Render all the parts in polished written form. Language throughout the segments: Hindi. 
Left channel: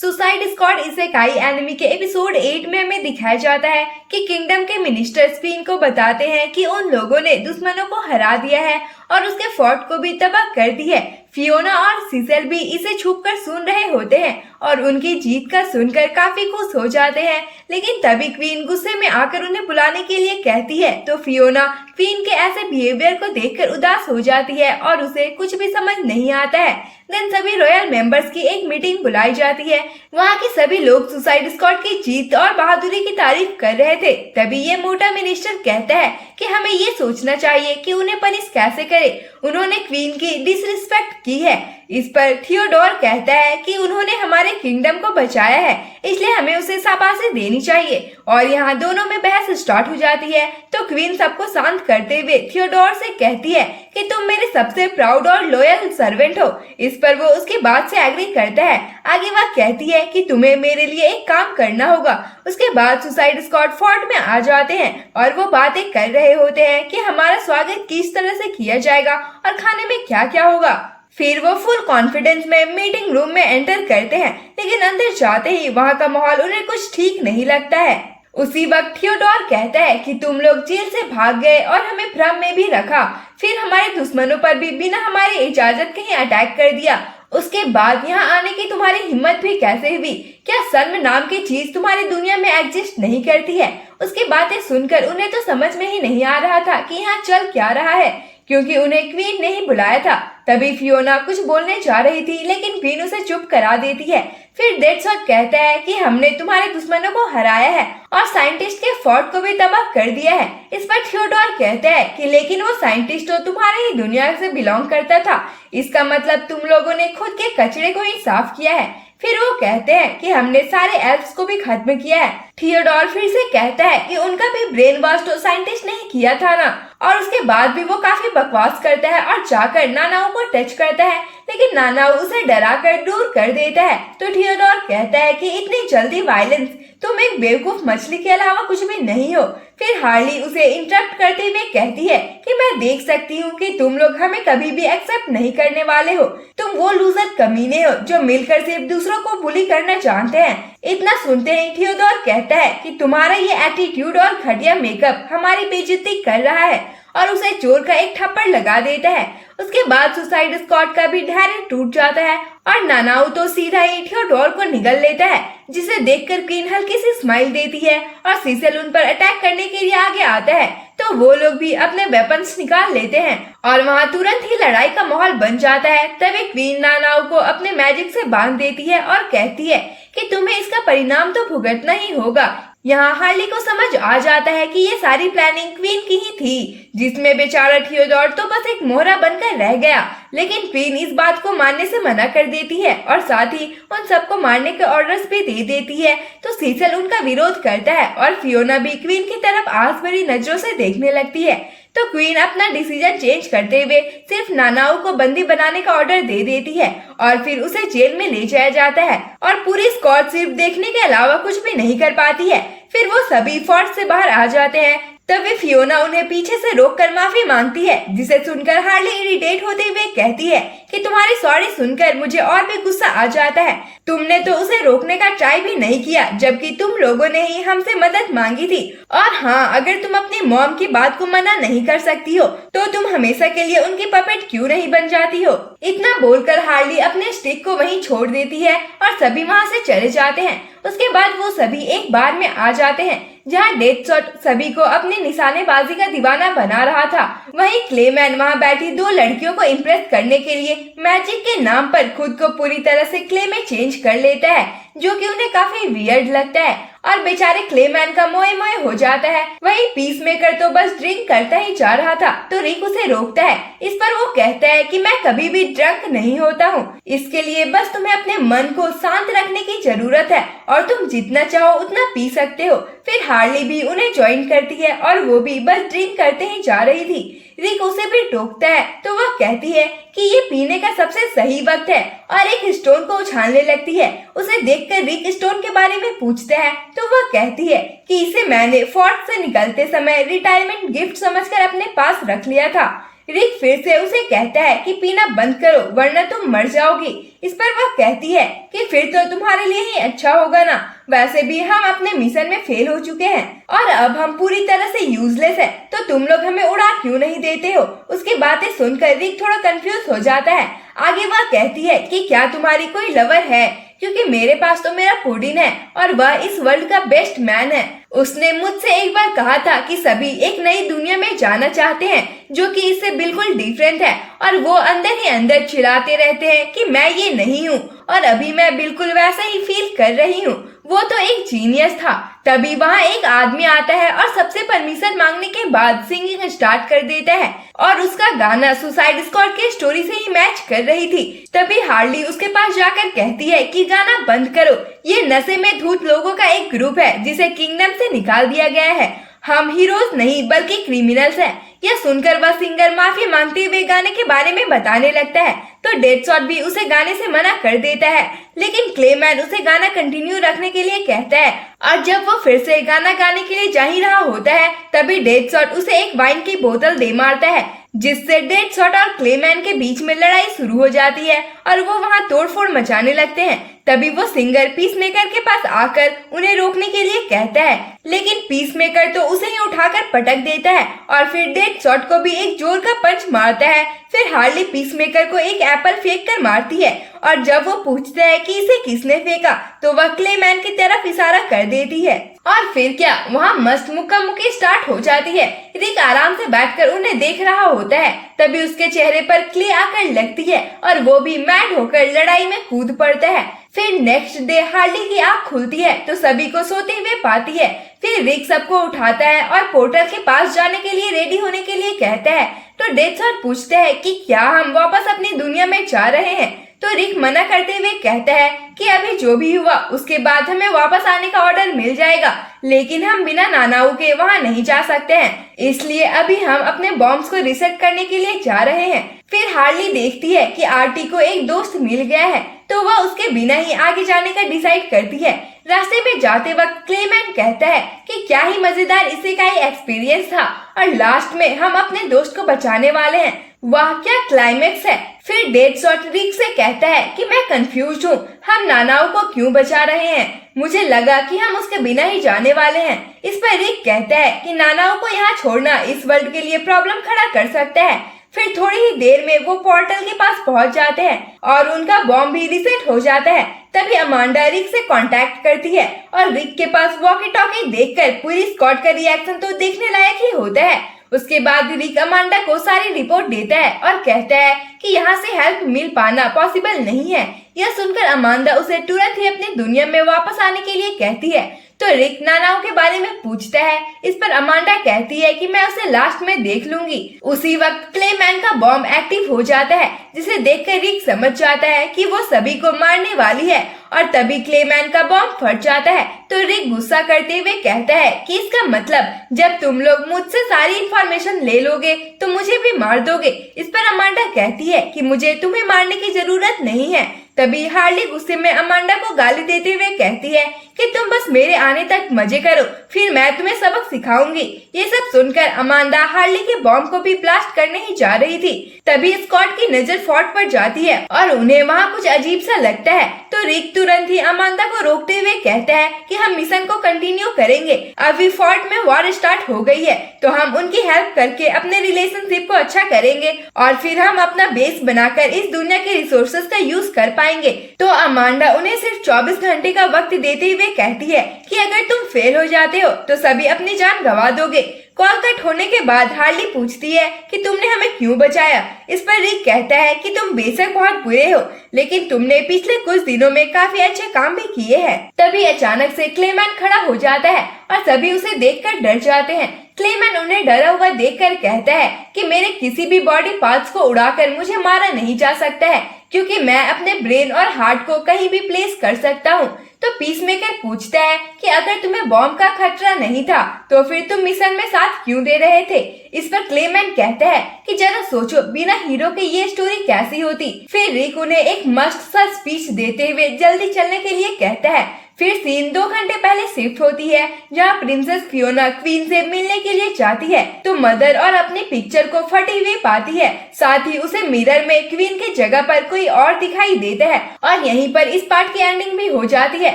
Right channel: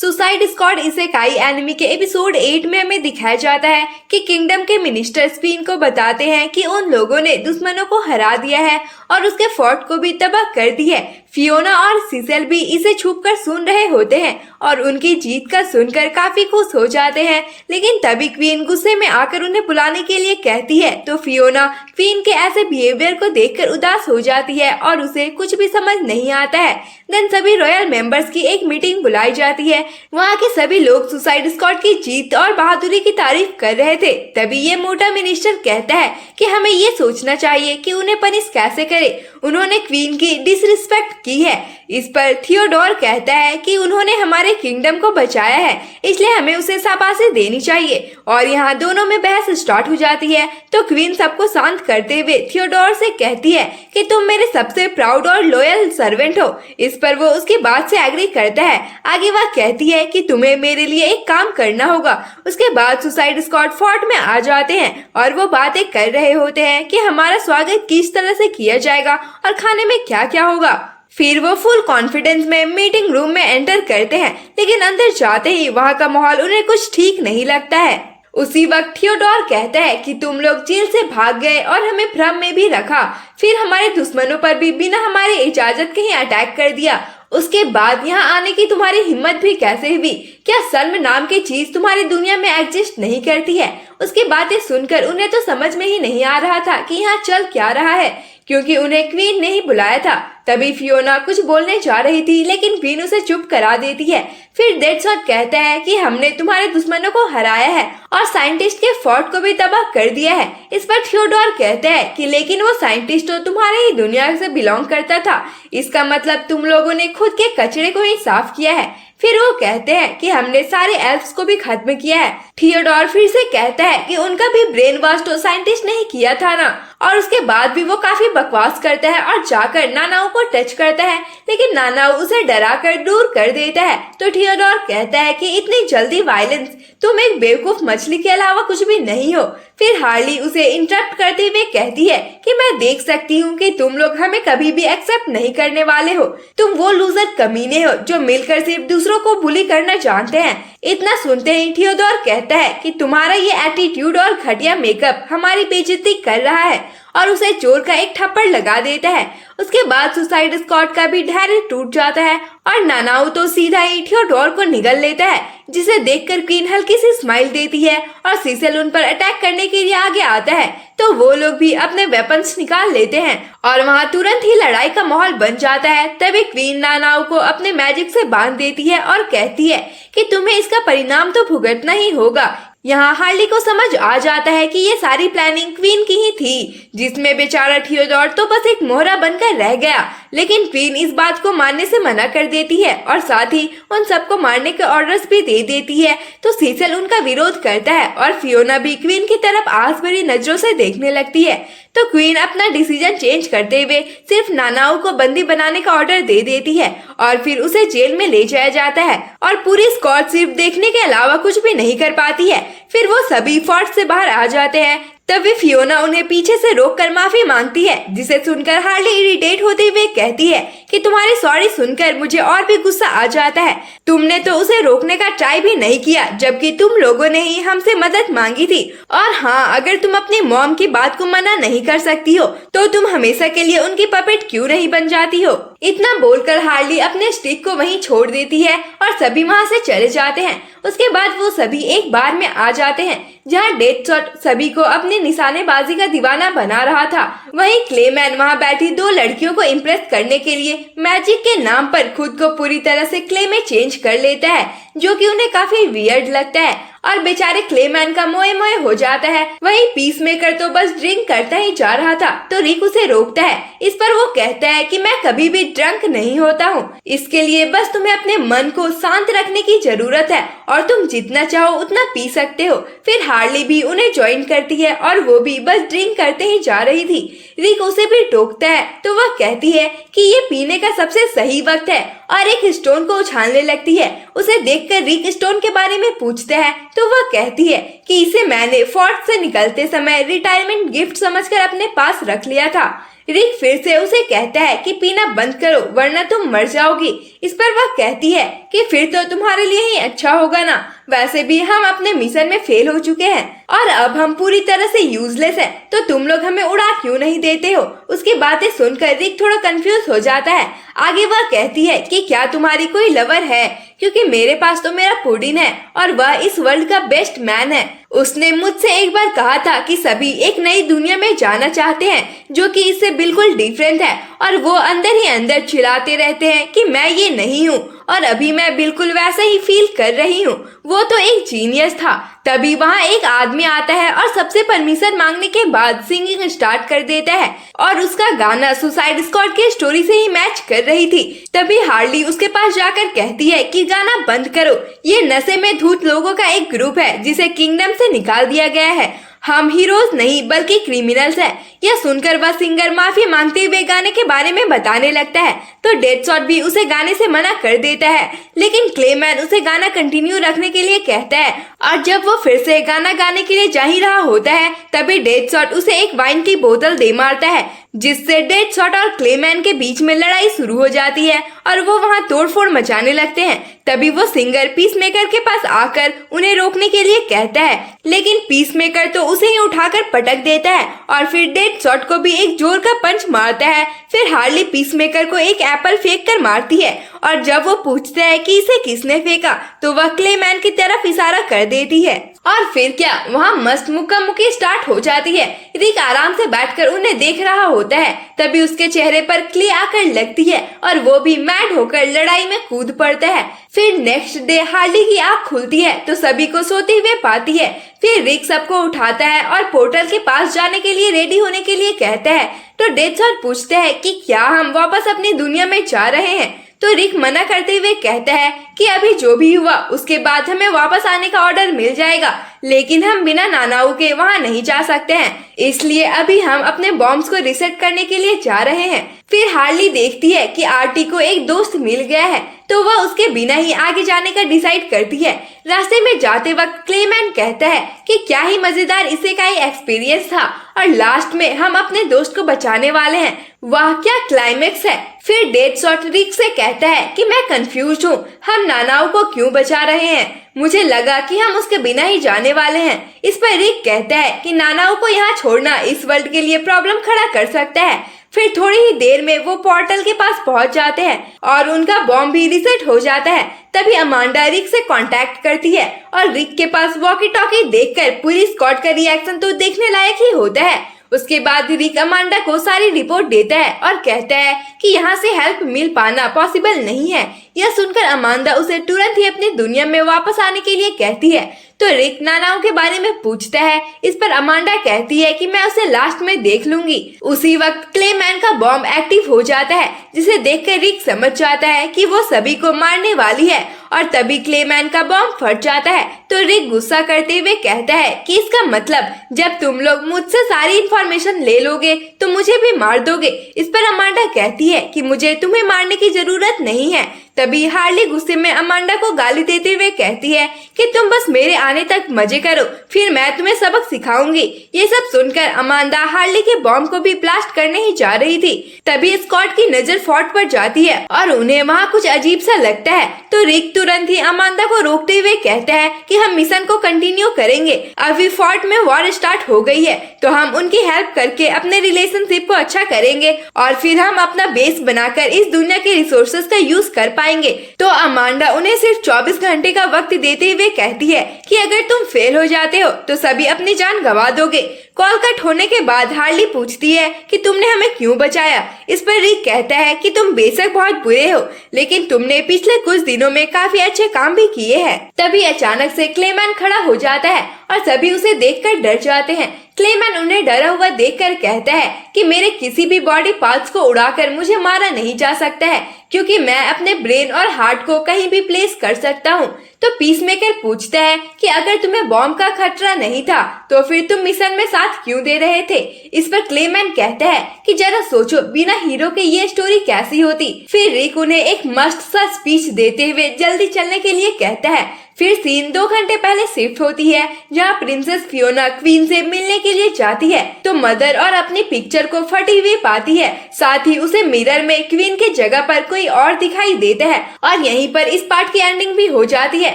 सुसाइड स्क्वाड इसेकाई एनिमी के एपिसोड 8 में हमें दिखाया जाता है कि किंगडम के मिनिस्टर क्वीन को बताते हैं कि उन लोगों ने दुश्मनों को हरा दिया है और उसके फोर्ट को भी तबाह कर दी है। फियोना और सीसेल भी इसे छुपकर सुन रहे होते हैं और उनकी जीत का सुनकर काफी खुश हो जाते हैं, लेकिन तभी क्वीन गुस्से में आकर उन्हें बुलाने के लिए कहती है तो फियोना क्वीन के ऐसे बिहेवियर को देखकर उदास हो जाती है और उसे कुछ भी समझ नहीं आता है। देन सभी रॉयल मेंबर्स की एक मीटिंग बुलाई जाती है। वहाँ के सभी लोग सुसाइड स्क्वाड की जीत और बहादुरी की तारीफ कर रहे थे। तभी ये मोटा मिनिस्टर कहता है कि हमें ये सोचना चाहिए कि उन्हें पनिश कैसे करे, उन्होंने क्वीन की डिसरिस्पेक्ट की है। इस पर थियोडोर कहता है कि उन्होंने हमारे किंगडम को बचाया है, इसलिए हमें उसे शाबाशी देनी चाहिए। और यहाँ दोनों में बहस स्टार्ट हो जाती है तो क्वीन सबको शांत करते हुए थियोडोर से कहती है कि तुम मेरे सबसे प्राउड और लॉयल सर्वेंट हो। इस पर वो उसकी बात से एग्री करता है। आगे वह कहती है कि तुम्हें मेरे लिए एक काम करना होगा। उसके बाद सुसाइड स्क्वाड फोर्ट में आ जाते हैं और वो बातें कर रहे होते हैं कि हमारा स्वागत किस तरह से किया जाएगा और खाने में क्या क्या होगा। फिर वो फुल कॉन्फिडेंस में मीटिंग रूम में एंटर करते हैं, लेकिन अंदर जाते ही वहाँ का माहौल उन्हें कुछ ठीक नहीं लगता है। उसी वक्त थियोडोर कहता है कि तुम लोग जेल से भाग गए और हमें भ्रम में भी रखा, फिर हमारे दुश्मनों पर भी बिना हमारी इजाजत के ही अटैक कर दिया। उसके बाद यहाँ आने की तुम्हारी हिम्मत भी कैसे हुई? क्या शर्म नाम की चीज तुम्हारी दुनिया में एग्जिस्ट नहीं करती है? उसकी बातें सुनकर उन्हें तो समझ में ही नहीं आ रहा था कि यहाँ चल क्या रहा है, क्योंकि उन्हें क्वीन ने ही बुलाया था। तभी फियोना कुछ बोलने जा रही थी, लेकिन क्वीन उसे चुप करा देती है। फिर डेडशॉट कहता है कि हमने तुम्हारे दुश्मनों को हराया है और साइंटिस्ट के फोर्ट को भी तबाह कर दिया है। इस पर थियोडोर कहता है कि लेकिन वो साइंटिस्ट तो तुम्हारे ही दुनिया से बिलोंग करता था, इसका मतलब तुम लोगों ने खुद के कचरे को ही साफ किया है। फिर वो कहते हैं कि हमने सारे एल्फ्स को भी खत्म किया है। थियोडोर फिर से कहता है कि उनका भी ब्रेन वॉश तो साइंटिस्ट ने ही किया था ना, और उसके बाद भी वो काफी बकवास करता है और जाकर नानाओ को टच करता है, लेकिन नानाओ उसे डरा कर दूर कर देता है। तो थियोडोर कहता है कि इतनी जल्दी वायलेंस, तुम एक बेवकूफ मछली के अलावा कुछ भी नहीं हो। फिर हार्ली उसे इंटरप्ट करते हुए कहती है कि मैं देख सकती हूँ कि तुम लोग हमें कभी भी एक्सेप्ट नहीं करने वाले हो। तुम वो लूजर कमीने हो जो मिलकर सिर्फ दूसरों को बुली करना जानते हैं। इतना सुनते ही थियोडोर कहता है कि तुम्हारा ये एटीट्यूड और घटिया मेकअप हमारी बेइज्जती कर रहा है, और उसे जोर का एक थप्पड़ लगा देता है। उसके बाद सुसाइड स्क्वाड का भी धैर्य टूट जाता है और नानाओ तो सीधा ही थियोडोर को निगल लेता है, जिसे देखकर क्वीन हल्की सी स्माइल देती है और सीसेल उन पर अटैक करने के लिए आगे आता है। तो वो लोग भी अपने वेपन्स निकाल लेते हैं और वहाँ तुरंत ही लड़ाई का माहौल बन जाता है। तभी क्वीन नानाओ को अपने मैजिक से बांध देती है और कहती है कि तुम्हें इसका परिणाम तो भुगतना ही होगा। यहाँ हार्ली को समझ आ जाता है कि ये सारी प्लानिंग क्वीन की ही थी, जिसमें बेचारा थियोडोर तो बस एक मोहरा बनकर रह गया। लेकिन क्वीन इस बात को मानने से मना कर देती है और साथ ही उन सबको मारने के ऑर्डर्स भी दे देती है। तो सीसेल उनका विरोध करता है और फियोना भी क्वीन की तरफ आस भरी नजरों से देखने लगती है। तो क्वीन अपना डिसीजन चेंज करते हुए सिर्फ नानाओ को बंदी बनाने का ऑर्डर दे देती है और फिर उसे जेल में ले जाया जाता है और पूरी स्क्वाड सिर्फ देखने के अलावा कुछ भी नहीं कर पाती है। फिर वो सभी फोर्ट से बाहर आ जाते हैं। तभी फियोना उन्हें पीछे से रोककर माफी मांगती है, जिसे सुनकर हार्ली इरिटेट होते हुए कहती है कि तुम्हारी सॉरी सुनकर मुझे और भी गुस्सा आ जाता है। तुमने तो उसे रोकने का ट्राई भी नहीं किया, जबकि तुम लोगों ने ही हमसे मदद मांगी थी। और हाँ, अगर तुम अपनी मॉम की बात को मना नहीं कर सकती हो तो तुम हमेशा के लिए उनकी पपेट क्यों नहीं बन जाती हो? इतना बोलकर हार्ली अपने स्टिक को वहीं छोड़ देती है और सभी वहाँ से चले जाते हैं। उसके बाद वो सभी एक बार में आ जाते हैं जहाँ डेडशॉट सभी को अपनी निशानेबाजी का दीवाना बना रहा था। वहीं क्लेमैन वहाँ बैठी दो लड़कियों को इम्प्रेस करने के लिए मैजिक के नाम पर खुद को पूरी तरह से क्ले में चेंज कर लेता है, जो कि उन्हें काफी वियर्ड लगता है और बेचारे क्लेमैन का मोए मोए हो जाता है। वहीं पीस मेकर तो बस ड्रिंक करता ही जा रहा था, तो रिक उसे रोकता है। इस पर वो कहता है कि मैं कभी भी ड्रंक नहीं होता हूँ, इसके लिए बस तुम्हें अपने मन को शांत रखने की जरूरत है और तुम जितना चाहो उतना पी सकते हो। फिर हार्ली भी उन्हें ज्वाइन करती है और वो भी बस ड्रिंक करते ही जा रही थी। रिक उसे भी टोकता है तो वह कहती है कि ये पीने का सबसे सही वक्त है और एक स्टोन को उछालने लगती है। उसे देखकर रिक स्टोन के बारे में पूछता है तो वह कहती है कि इसे मैंने फोर्ट से निकलते समय रिटायरमेंट गिफ्ट समझकर अपने पास रख लिया था। रिक फिर से उसे कहता है कि पीना बंद करो वरना तुम मर जाओगी। इस पर वह कहती है कि फिर तो तुम्हारे लिए ही अच्छा होगा ना, वैसे भी हम अपने मिशन में फेल हो चुके हैं और अब हम पूरी तरह से यूजलेस हैं, तो तुम लोग हमें उड़ा क्यों नहीं देते हो। उसकी बातें सुनकर रिक थोड़ा कंफ्यूज हो जाता है। आगे वह कहती है कि क्या तुम्हारी कोई लवर है, क्योंकि मेरे पास तो मेरा पुडिन है और वह इस वर्ल्ड का बेस्ट मैन है। उसने मुझसे एक बार कहा था कि सभी एक नई दुनिया में जाना चाहते हैं जो कि इससे बिल्कुल डिफरेंट है, और वो अंदर ही अंदर चिल्लाते रहते हैं कि मैं ये नहीं हूँ, और अभी मैं बिल्कुल वैसा ही फील कर रही हूँ। वो तो एक जीनियस था। तभी वहाँ एक आदमी आता है और सबसे परमिशन मांगने के बाद सिंगिंग स्टार्ट कर देता है, और उसका गाना सुसाइड स्क्वाड के स्टोरी से ही मैच कर रही थी। तभी हार्ली उसके पास जाकर कहती है कि गाना बंद करो, ये नशे में धुत लोगों का एक ग्रुप है जिसे किंगडम से निकाल दिया गया है, हम हीरोज नहीं बल्कि क्रिमिनल्स हैं। यह सुनकर वह सिंगर माफी मांगते हुए गाने के बारे में बताने लगता है, तो डेडशॉट भी उसे गाने से मना कर देता है, लेकिन क्लेमैन उसे गाना कंटिन्यू रखने के लिए कहता है, और जब वो फिर से गाना गाने के लिए जा ही रहा होता है तभी डेडशॉट उसे एक वाइन की बोतल दे मारता है, जिससे डेडशॉट और क्लेमैन के बीच में लड़ाई शुरू हो जाती है और वो वहाँ तोड़फोड़ मचाने लगते हैं। तभी वो सिंगर पीसमेकर के पास आकर उन्हें रोकने के लिए कहता है, लेकिन पीसमेकर तो उसे ही उठाकर पटक देता है और फिर डेडशॉट को भी एक जोर का पंच मारता है। फिर हार्ली पीसमेकर को एक एप्पल फेंक कर मारती है, और जब वो पूछता है कि इसे किसने फेंका तो वह क्लेमैन की तरफ इशारा कर देती है, और फिर क्या वहाँ मस्त मुक्का मुक्की स्टार्ट हो जाती है। रिक आराम से बैठकर उन्हें देख रहा होता है, तभी उसके चेहरे पर क्ले आकर लगती है और वो भी मैड होकर लड़ाई में कूद पड़ता है। फिर नेक्स्ट डे हार्ली की आँख खुलती है तो सभी को सोते हुए पाती है। फिर रिक सबको उठाता है और पोर्टल के पास जाने के लिए रेडी होने के लिए कहता है, तो डेडशॉट पूछता है कि क्या हम वापस अपनी दुनिया में जा रहे हैं, तो रिक मना करते हुए कहता है कि अभी जो भी हुआ उसके बाद हमें वापस आने का ऑर्डर मिल जाएगा, लेकिन हम बिना नानाओ के वहाँ नहीं जा सकते हैं, इसलिए अभी हम अपने बॉम्ब्स को रिसेट करने के लिए जा रहे हैं। फिर हार्ली देखती है कि आरटी को एक दोस्त मिल गया है, तो वह उसके बिना ही आगे जाने का डिसाइड करती है। रास्ते में जाते वक्त क्लेमैन कहता है कि क्या ही मजेदार इसेकाई एक्सपीरियंस था, और लास्ट में हम अपने दोस्त को बचाने वाले हैं। वाह क्या क्लाइमेक्स है। फिर डेडशॉट रिक से कहता है कि मैं कंफ्यूज हूँ, हम नानाओ को क्यों बचा रहे हैं, मुझे लगा कि हम उसके बिना ही जाने वाले हैं। इस पर रिक कहता है कि नानाओ को यहाँ छोड़ना इस वर्ल्ड के लिए प्रॉब्लम खड़ा कर सकता है। फिर थोड़ी ही देर में वो पोर्टल के पास पहुंच जाते हैं और उनका बॉम्ब भी रिसेट हो जाता है। तभी अमांडा रिक से कांटेक्ट करती है और रिक के पास वॉकी टॉकी देखकर पूरी स्क्वाड का रिएक्शन तो देखने लायक ही होता है। उसके बाद रिक अमांडा को सारी रिपोर्ट देता है और कहता है कि यहाँ से हेल्प मिल पाना पॉसिबल नहीं है। यह सुनकर अमांडा उसे तुरंत ही अपनी दुनिया में वापस आने के लिए कहती है, तो रिक नानाओं के बारे में पूछता है। इस पर अमांडा कहती है कि मैं उसे लास्ट में देख लूंगी। उसी वक्त क्लेमैन का बॉम्ब एक्टिव हो जाता है, जिसे देखकर रिक समझ जाता है कि वो सभी को मारने वाली है, और तभी क्लेमैन का बॉम्ब फट जाता है। तो रिक गुस्सा करते हुए कहता है कि इसका मतलब जब तुम लोग मुझसे सारी इंफॉर्मेशन ले लोगे तो मुझे भी मार दोगे। इस पर अमांडा कहती है कि मुझे तुम्हें मारने की जरूरत नहीं है। तभी हार्ली गुस्से में अमांडा को गाली देते हुए कहती है कि तुम बस मेरे आने तक मजे करो, फिर मैं तुम्हें सबक सिखाऊंगी। ये सब सुनकर अमांडा हार्ली के बॉम्ब को भी ब्लास्ट करने ही जा रही थी। तभी स्कॉट की नजर फोर्ट पर जाती है और उन्हें वहाँ कुछ अजीब सा लगता है, तो रिक तुरंत ही अमांडा को रोकते हुए कहता है कि हम मिशन को कंटिन्यू करेंगे। अभी फोर्ट में वॉर स्टार्ट हो गई है, तो हम उनकी हेल्प करके अपने रिलेशनशिप को अच्छा करेंगे और फिर हम अपना बेस बनाकर इस दुनिया के रिसोर्सेज का यूज कर पाएंगे। तो अमांडा उन्हें सिर्फ 24 घंटे का वक्त देते हुए कहती है कि अगर तुम फेल हो जाते हो तो सभी अपनी जान गंवा दोगे। कॉल कट होने के बाद हार्ली पूछती है कि तुमने हमें क्यों बचाया। इस पर रिक कहता है कि तुम बेशक बहुत बुरे हो, लेकिन तुमने पिछले कुछ दिनों में काफी अच्छे काम भी किए हैं। तभी अचानक से क्लेमैन खड़ा हो जाता है और सभी उसे देखकर डर जाते हैं। क्लेमैन उन्हें डरा हुआ देखकर कहता है कि मेरे किसी भी बॉडी पार्ट्स को उड़ाकर मुझे मारा नहीं जा सकता है, क्योंकि मैं अपने ब्रेन और हार्ट को कहीं भी प्लेस कर सकता हूँ। तो पीसमेकर पूछता है कि अगर तुम्हें बॉम्ब का खतरा नहीं था तो फिर तुम मिशन में साथ क्यों दे रहे थे। इस पर क्लेमैन कहता है कि जरा सोचो, बिना हीरो के ये स्टोरी कैसी होती। फिर रिक उन्हें एक मस्त सा स्पीच देते हुए जल्दी चलने के लिए कहता है। फिर सीन 2 घंटे पहले शिफ्ट होती है, जहाँ प्रिंसेस फियोना क्वीन से मिलने के लिए जाती है तो मदर और अपनी पिक्चर को फटी हुई पाती है। साथ ही उसे मिरर में क्वीन के जगह पर कोई और दिखाई देता है और यहीं पर इस पार्ट की एंडिंग भी हो जाती है।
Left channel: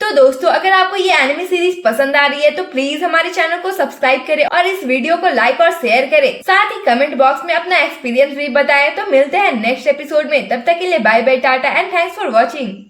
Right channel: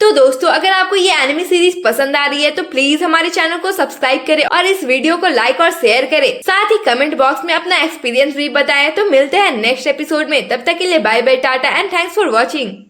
तो दोस्तों, अगर आपको ये एनिमे सीरीज पसंद आ रही है तो प्लीज हमारे चैनल को सब्सक्राइब करें और इस वीडियो को लाइक और शेयर करें। साथ ही कमेंट बॉक्स में अपना एक्सपीरियंस भी बताएं। तो मिलते हैं नेक्स्ट एपिसोड में, तब तक के लिए bye bye, tata and thanks for watching.